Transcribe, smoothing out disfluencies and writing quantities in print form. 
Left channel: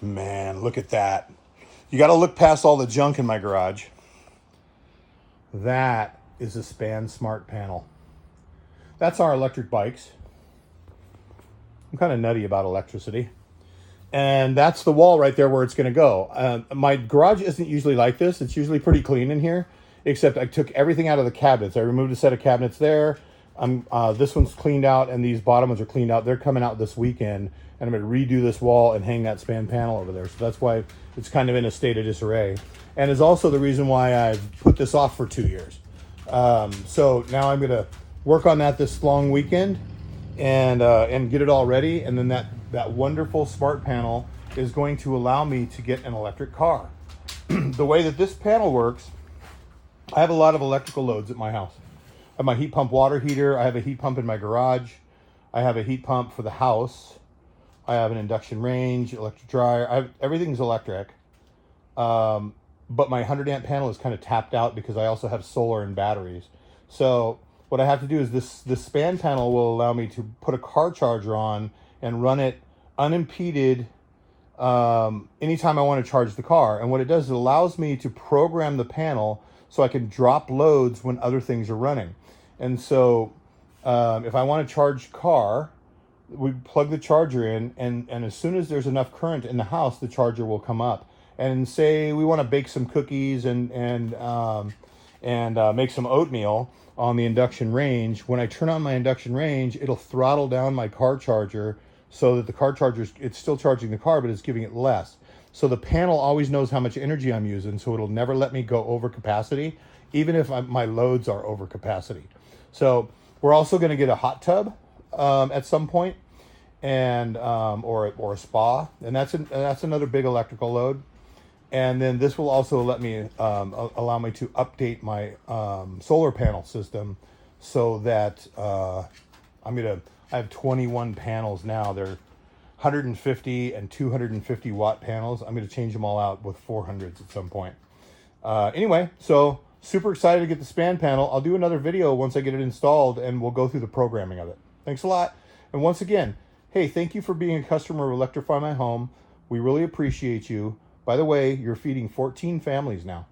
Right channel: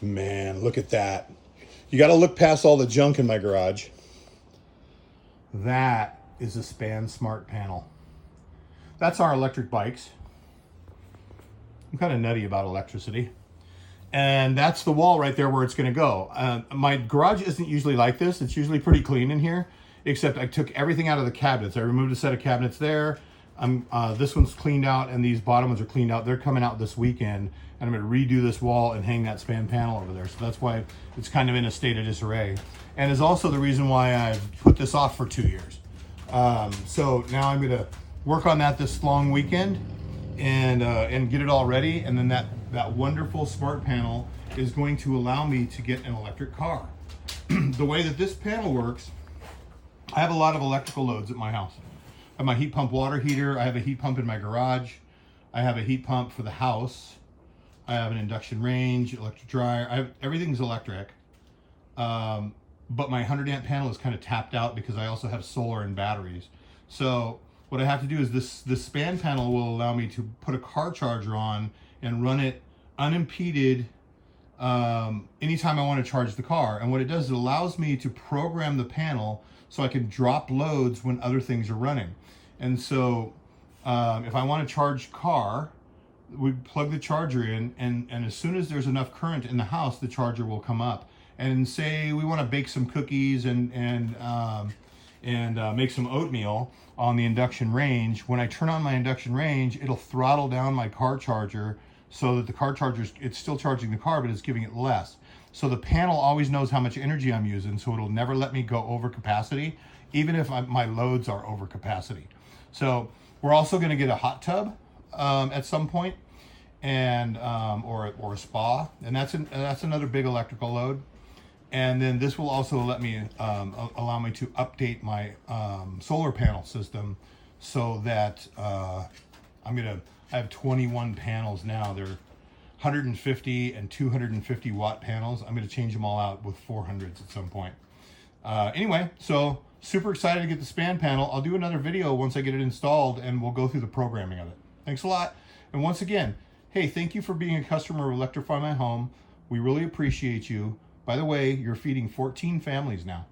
Man, look at that. You got to look past all the junk in my garage. That is a Span Smart panel. That's our electric bikes. I'm kind of nutty about electricity. And that's the wall right there where it's going to go. My garage isn't usually like this. It's usually pretty clean in here, except I took everything out of the cabinets. I removed a set of cabinets there. This one's cleaned out, and these bottom ones are cleaned out. They're coming out this weekend, and I'm going to redo this wall and hang that Span panel over there. So that's why it's kind of in a state of disarray, and is also the reason why I've put this off for 2 years. So now I'm going to work on that this long weekend and get it all ready, and then that wonderful smart panel is going to allow me to get an electric car. The way that this panel works, I have a lot of electrical loads at my house. I have my heat pump water heater. I have a heat pump in my garage. I have a heat pump for the house. I have an induction range, electric dryer. Everything's electric. But my 100 amp panel is kind of tapped out because I also have solar and batteries. So what I have to do is this Span panel will allow me to put a car charger on and run it unimpeded anytime I want to charge the car. And what it does is it allows me to program the panel so I can drop loads when other things are running. And so if I want to charge car, we plug the charger in, and as soon as there's enough current in the house, the charger will come up. And say we want to bake some cookies and make some oatmeal on the induction range. When I turn on my induction range, it'll throttle down my car charger so that the car charger, it's still charging the car, but it's giving it less. So the panel always knows how much energy I'm using, so it'll never let me go over capacity, even if my loads are over capacity. So we're also going to get a hot tub at some point, and or a spa, and that's another big electrical load. And then this will also let me allow me to update my solar panel system so that I have 21 panels now. They're 150 and 250 watt panels. I'm going to change them all out with 400s at some point. Anyway, so super excited to get the Span panel. I'll do another video once I get it installed, and we'll go through the programming of it. Thanks a lot. And once again, hey, thank you for being a customer of Electrify My Home. We really appreciate you. By the way, you're feeding 14 families now.